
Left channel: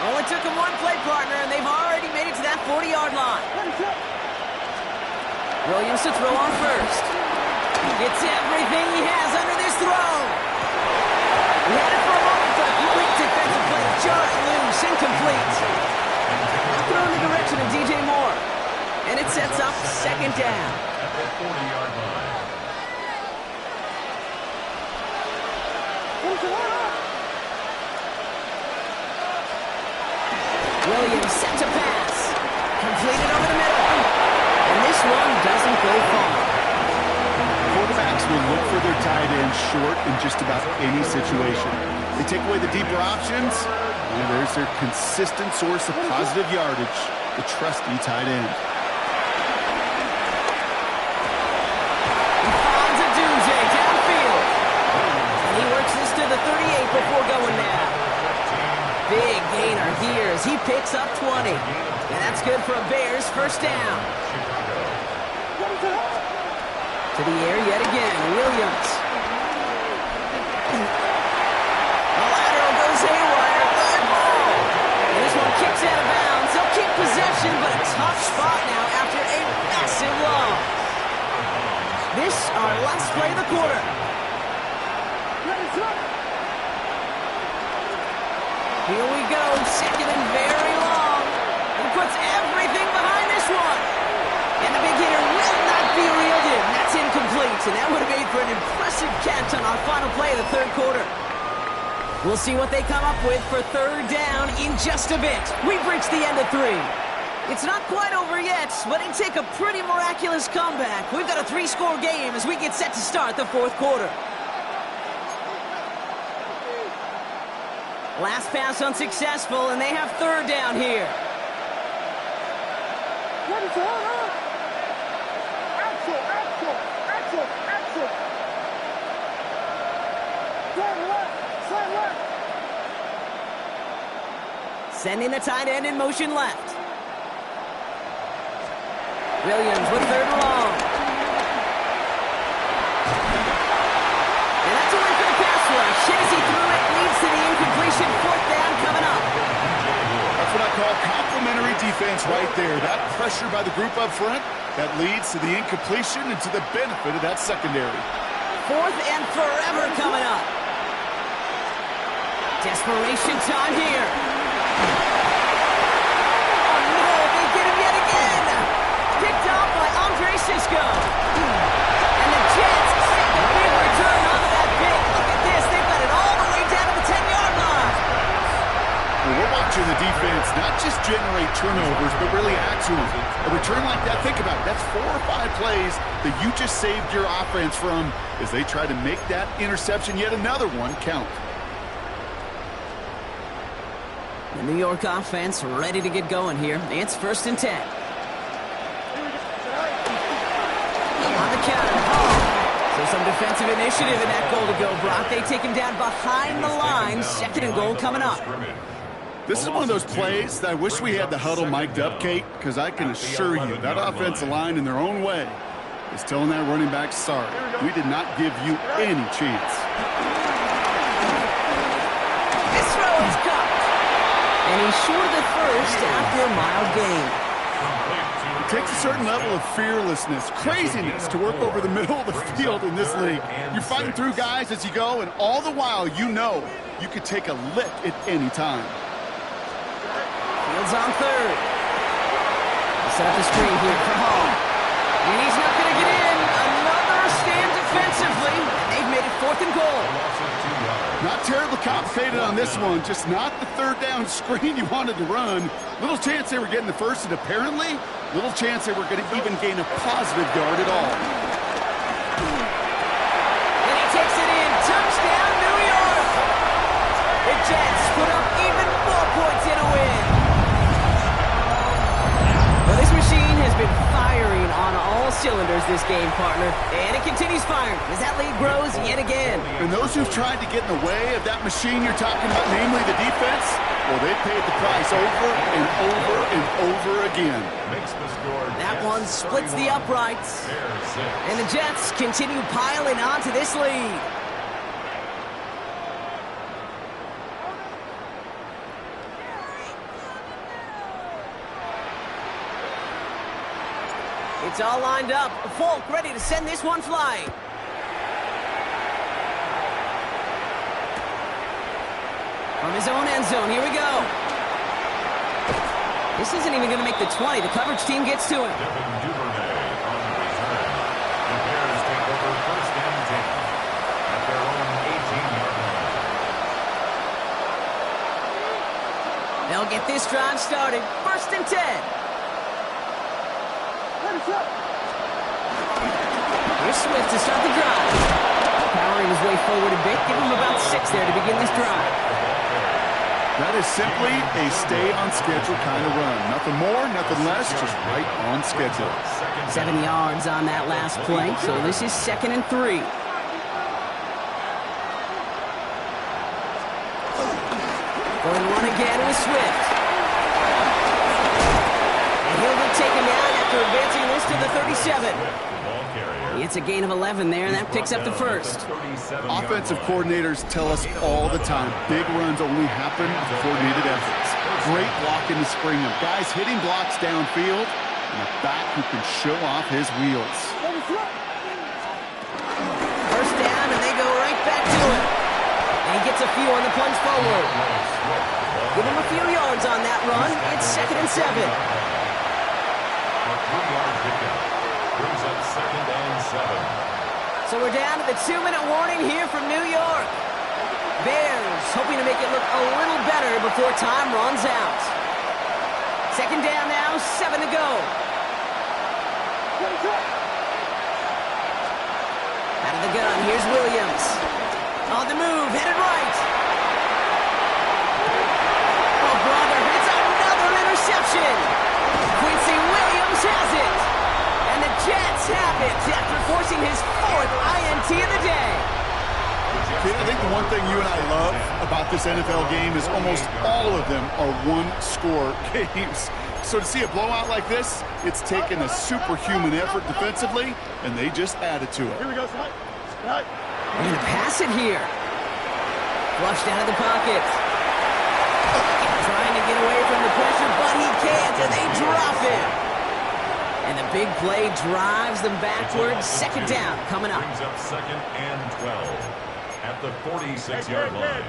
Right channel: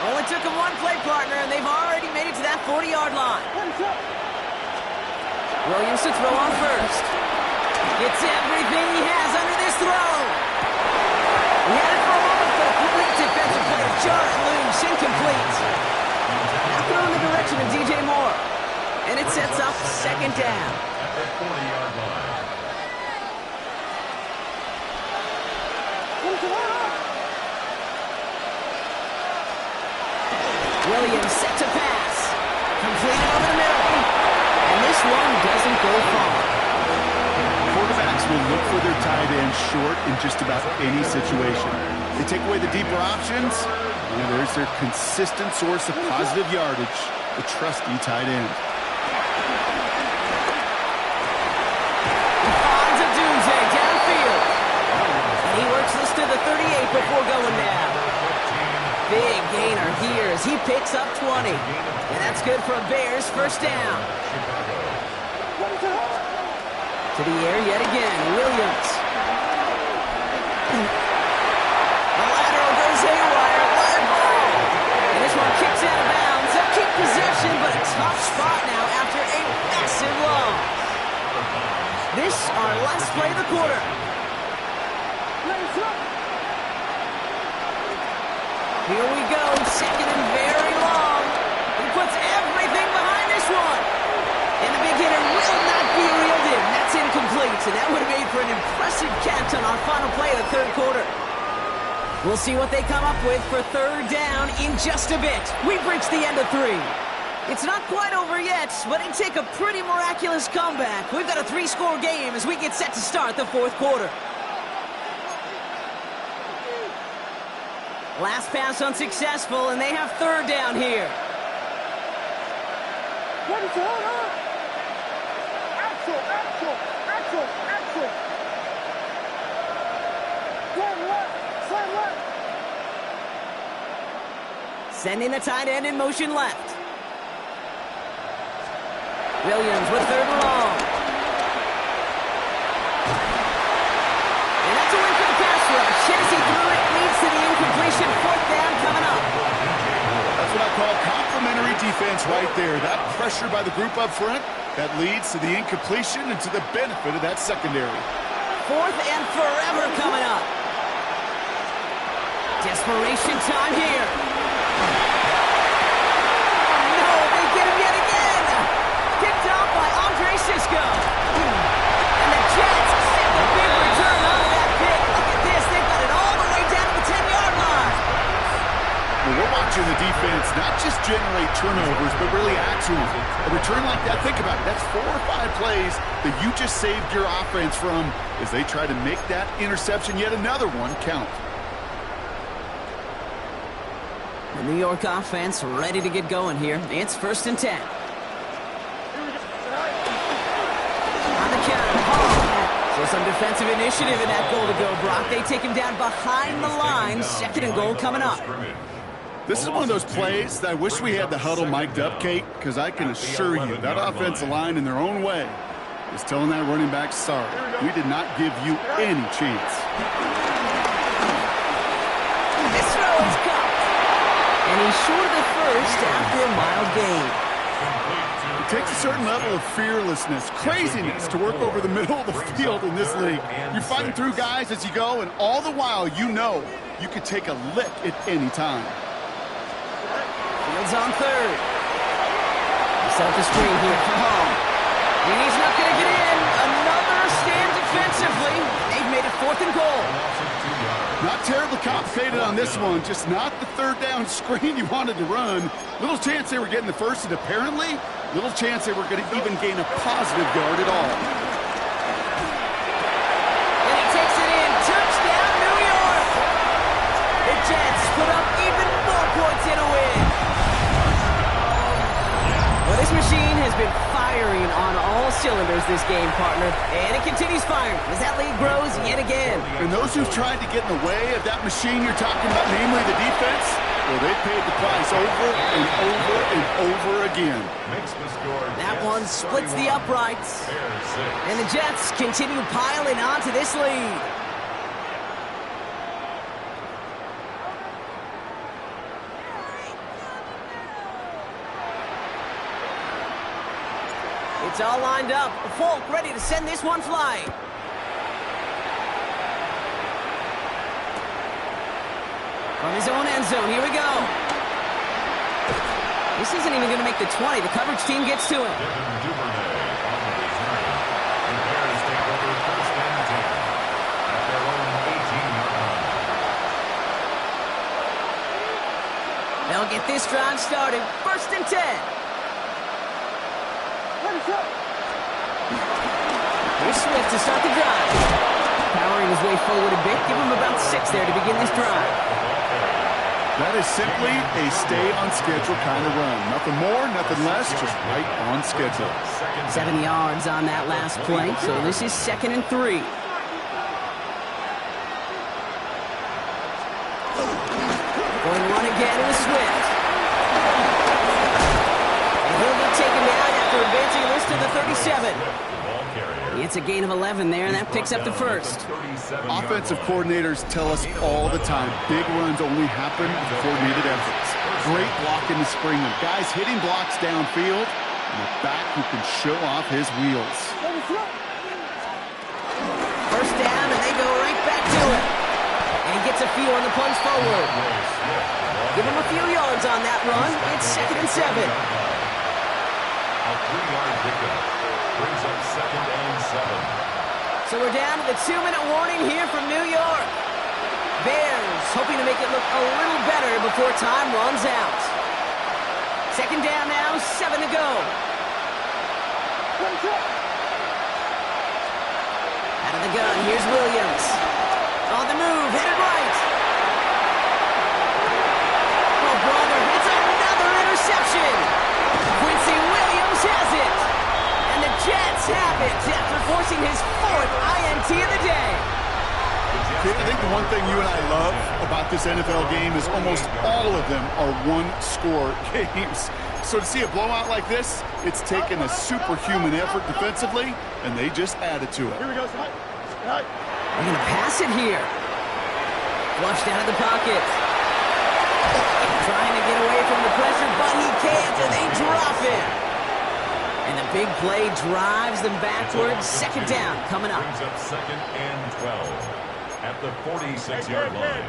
Only took him one play, partner, and they've already made it to that 40-yard line. Williams to throw on first. Gets everything he has under this throw. He had it for a moment, but a great defensive play to jar it loose, incomplete. Now thrown in the direction of DJ Moore. And it sets up 2nd down. At the 40-yard line. Williams set to pass. Completed over the middle. And this one doesn't go far. Quarterbacks will look for their tight end short in just about any situation. They take away the deeper options, and there's their consistent source of positive yardage, the trusty tight end. He finds a Dunze downfield. And he works this to the 38 before going down. Big gainer here as he picks up 20. And that's good for a Bears first down. To the air yet again, Williams. The lateral goes haywire, live ball. And this one kicks out of bounds. They'll keep possession, but a tough spot now after a massive loss. This our last play of the quarter. Here we go, second and very long. He puts everything behind this one. And the big hitter will not be reeled in. That's incomplete, and that would have made for an impressive catch on our final play of the third quarter. We'll see what they come up with for third down in just a bit. We've reached the end of 3. It's not quite over yet, but it'd take a pretty miraculous comeback. We've got a 3-score game as we get set to start the fourth quarter. Last pass unsuccessful, and they have third down here. What is going on? Axel. Slam left. Sending the tight end in motion left. Williams with third and long. And that's a win for the pass rush. Hit as he threw it, leads to the incompletion. Fourth down coming up. That's what I call complimentary defense right there. That pressure by the group up front, that leads to the incompletion and to the benefit of that secondary. Fourth and forever coming up. Desperation time here. Oh no, they get him yet again. Picked off by Andre Sisco. And the Jets set the big return onto that pick. Look at this, they've got it all the way down to the 10-yard line. Well, we're watching the defense not just generate turnovers, but really add to them. A return like that, think about it, that's 4 or 5 plays that you just saved your offense from as they try to make that interception, yet another one, count. The New York offense ready to get going here. It's first and 10. On the counter, Hall. So some defensive initiative in that goal to go, Brock. They take him down behind the line. Second and goal coming up. This is one of those plays that I wish we had the huddle mic'd up, Kate, because I can assure you that offensive line in their own way is telling that running back, sorry, we did not give you any chance. This throw is caught. And he's short of the first after a mild gain. It takes a certain level of fearlessness, craziness to work over the middle of the field in this league. You're fighting through guys as you go, and all the while you know you could take a lick at any time. Fields on third. They set up the screen here for Hall. And he's not going to get in. Another stand defensively. They've made it fourth and goal. Not terribly complicated on this one. Just not the third down screen you wanted to run. Little chance they were getting the first, and apparently little chance they were going to even gain a positive yard at all. And he takes it in. Touchdown, New York. The Jets put up even more points in a win. Well, this machine has been firing on all cylinders this game, partner. And it continues firing as that lead grows yet again. And those who've tried to get in the way of that machine you're talking about, namely the defense, well, they paid the price over and over and over again. That one splits the uprights. And the Jets continue piling onto this lead. It's all lined up. Folk ready to send this one flying. From his own end zone, here we go. This isn't even going to make the 20. The coverage team gets to him. Devin Duvernay on the return. The Bears take over first and 10 at their own 18-yard line. They'll get this drive started. First and 10. Here's Swift to start the drive. Powering his way forward a bit. Give him about 6 there to begin this drive. That is simply a stay-on-schedule kind of run. Nothing more, nothing less, just right on schedule. 7 yards on that last play, so this is second and 3. Going to run again with Swift. And he'll get taken down after advancing this to the 37. It's a gain of 11 there, and that picks up the first. Offensive coordinators tell us all the time, big runs only happen with coordinated efforts. Great blocking to spring them. Guys hitting blocks downfield, and a back who can show off his wheels. First down, and they go right back to it. And he gets a few on the plunge forward. Give him a few yards on that run. It's 2nd and 7. A 3-yard pickup brings up 2nd and 7. So we're down to the 2-minute warning here from New York. Bears hoping to make it look a little better before time runs out. 2nd down now, 7 to go. Out of the gun, here's Williams. On the move, headed right. Oh, brother, it's another interception. Quincy Williams has it. And the Jets have it after forcing his 4th INT of the day. Kid, I think the one thing you and I love about this NFL game is almost all of them are one-score games. So to see a blowout like this, it's taken a superhuman effort defensively, and they just added to it. Here we go, Scott. They're going to pass it here. Flushed out of the pocket. Trying to get away from the pressure, but he can't, and they drop him. And the big play drives them backwards. 2nd down coming up. Brings up 2nd and 12 at the 46-yard line.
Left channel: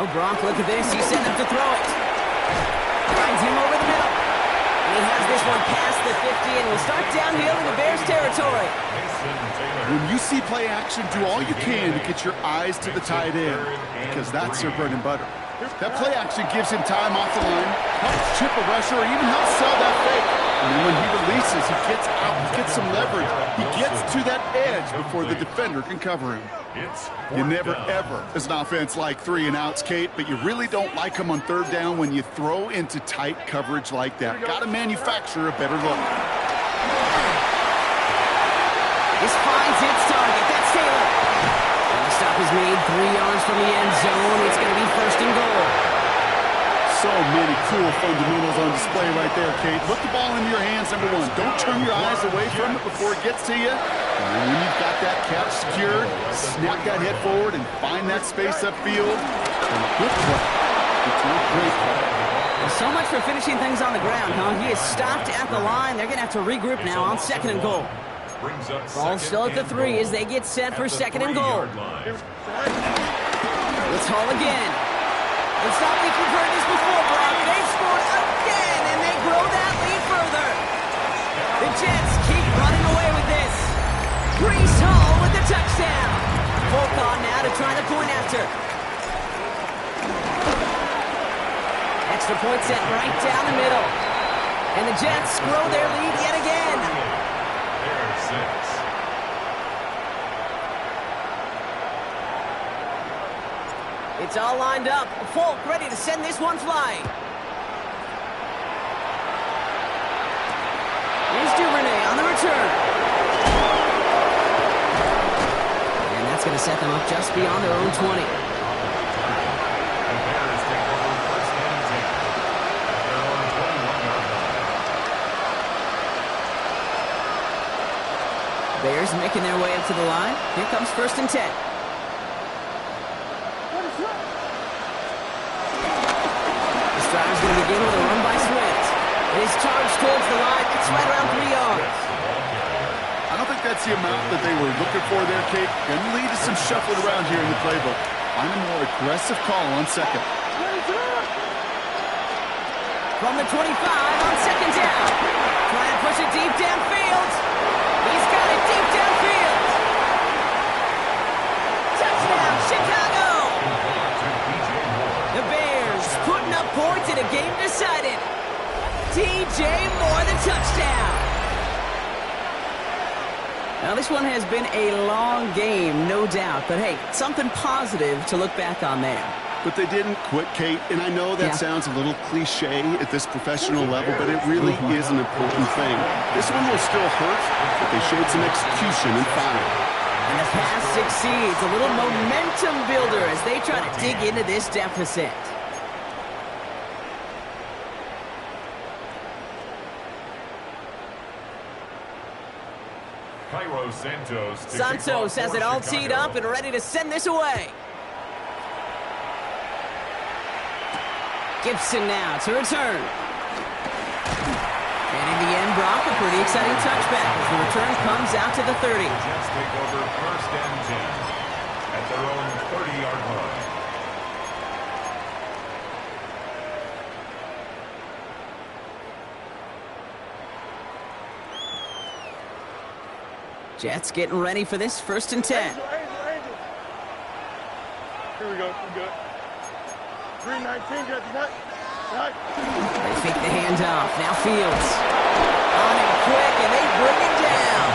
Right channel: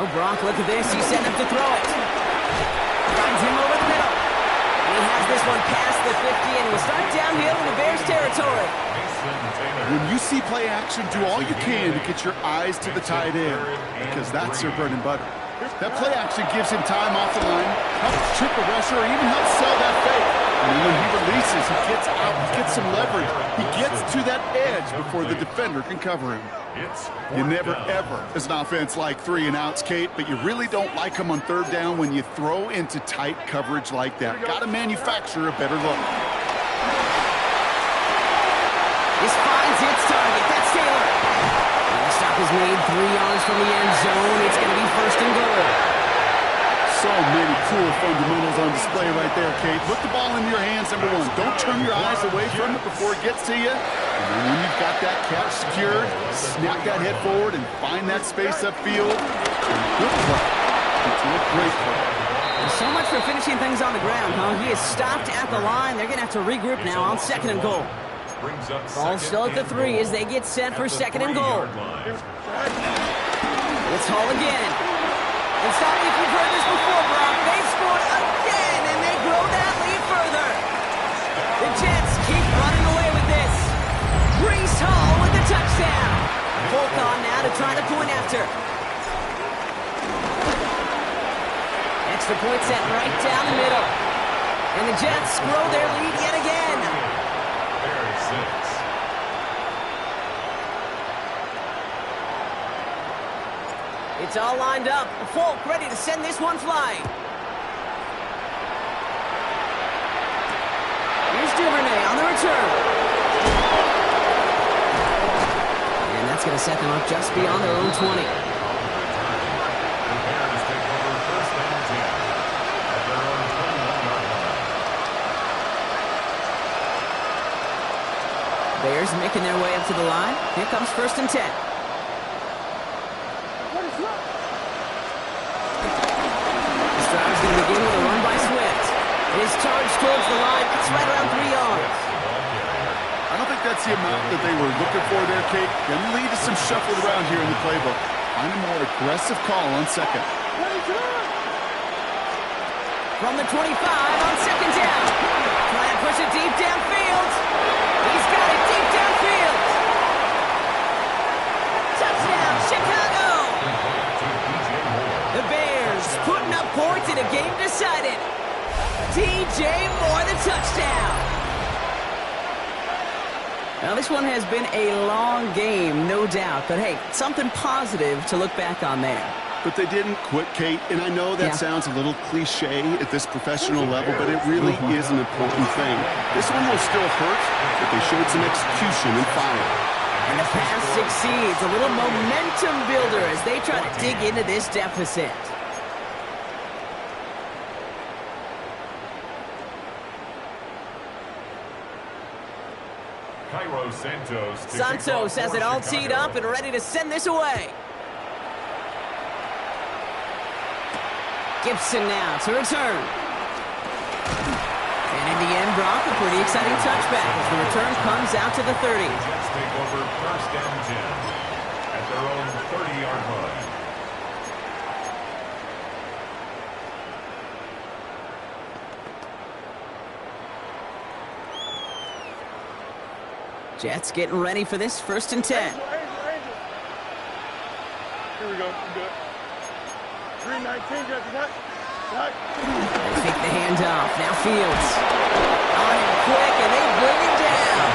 Oh, Brock, look at this. He's setting up to throw it. Finds him over the middle. And he has this one past the 50 and will start downhill in the Bears territory. When you see play action, do all you can to get your eyes to the tight end, because that's their bread and butter. That play action gives him time off the line, helps chip a rusher, or even helps sell that fake. And then when he releases, he gets out, he gets some leverage. He gets to that edge before the defender can cover him. You never, ever, as an offense, like 3 and outs, Kate, but you really don't like them on 3rd down when you throw into tight coverage like that. Got to manufacture a better look. This finds its target. That's Taylor. And the stop is made 3 yards from the end zone. It's going to be 1st and goal. So many cool fundamentals on display right there, Kate. Look the ball into your hands, number 1. Don't turn your eyes away from it before it gets to you. And then when you've got that catch secured, snap that head forward and find that space upfield. Good play. It's a great play. And so much for finishing things on the ground, huh? He is stopped at the line. They're going to have to regroup now on 2nd and goal. Ball still at the 3 as they get set for 2nd and goal. It's Hall again. And stop me if you've heard this before, Brock. They've scored again, and they grow that lead further. The Jets keep running away with this. Breece Hall with the touchdown. Folk on now to try the point after. Extra point set right down the middle. And the Jets grow their lead yet again. There's 6. It's all lined up. Folk ready to send this one flying. Here's Duvernay on the return. And that's going to set them up just beyond their own 20. The Bears take over 1st and 10 at their own 21-yard line. Bears making their way up to the line. Here comes 1st and 10. This drive's going to begin with a run by Swift. It is charged towards the line. It's right around 3 yards. I don't think that's the amount that they were looking for there, Kate. Going to lead to some shuffling around here in the playbook. Find a more aggressive call on 2nd. From the 25 on 2nd down. Trying to push it deep downfield. He's got it deep downfield. Touchdown, Chicago! The Bears putting up points in a game decided. DJ Moore, the touchdown. Now, this one has been a long game, no doubt. But, hey, something positive to look back on there. But they didn't quit, Kate, and I know that sounds a little cliche at this professional level, but it really is an important thing. This one will still hurt, but they showed some execution and fire. And the pass succeeds. A little momentum builder as they try to dig into this deficit. Santos has it all teed up and ready to send this away. Gibson now to return. And in the end, Brock, a pretty exciting touchback as the return comes out to the 30. Jets take over 1st and at their own 30-yard line. Jets getting ready for this 1st and 10. Angel. Here we go. We're good. 319, Jets. They fake the handoff. Now Fields. On him quick, and they bring him down.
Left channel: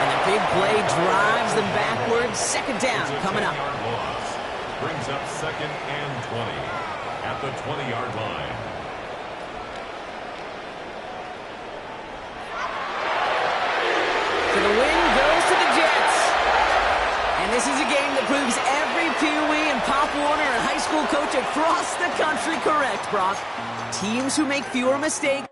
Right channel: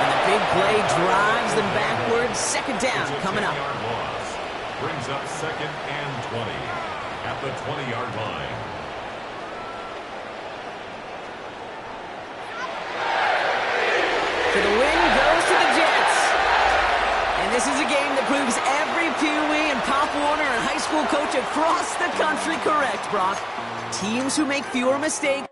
And the big play drives them backwards. 2nd down coming up. Loss. Brings up 2nd and 20 at the 20-yard line. So the win goes to the Jets. And this is a game that proves every Pee Wee and Pop Warner and high school coach across the country correct, Brock. Teams who make fewer mistakes